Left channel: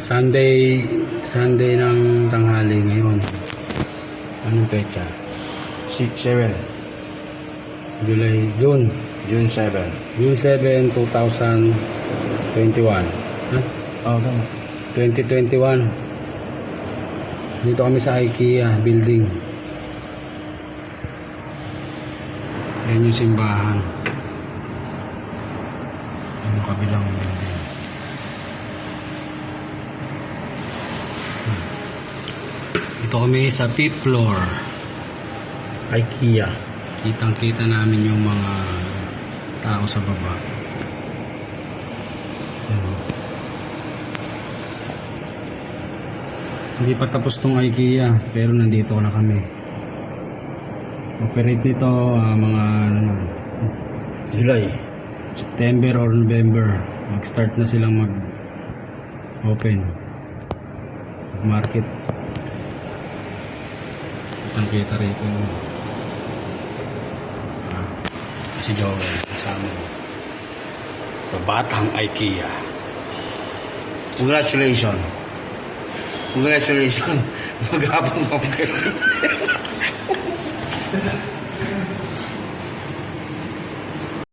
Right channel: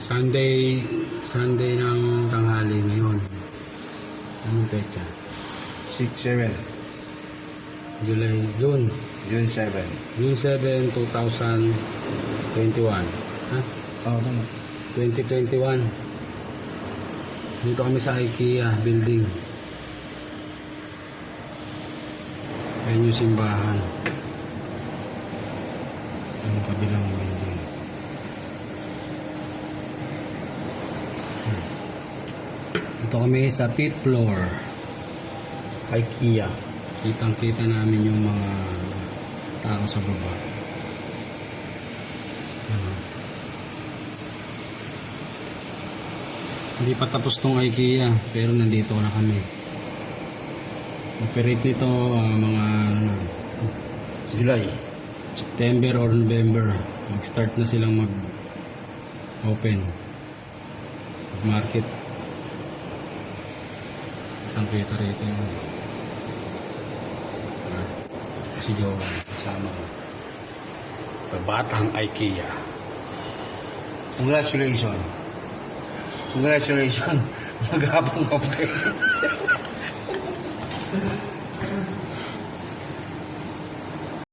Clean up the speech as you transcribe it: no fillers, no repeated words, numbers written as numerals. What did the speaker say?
Sunday ng tanghali ngayon. Anong petsa? 6-7. June June 7. June 7, 2021. Okay. 2021. Dito kami sa IKEA building. Ayan yung simbahan. Yung kabilang building. Ito kami sa 5th floor. IKEA. Kitang-kita namin yung mga tao sa baba. Hindi pa tapos tong IKEA, pero nandito na kami. Operate nito mga July. September or November. Mag-start na silang mag-open. Market. Kitang-kita rito. Si Joel, kasama ko. Ito, batang IKEA. Congratulations. Congratulations. Maghabang ka.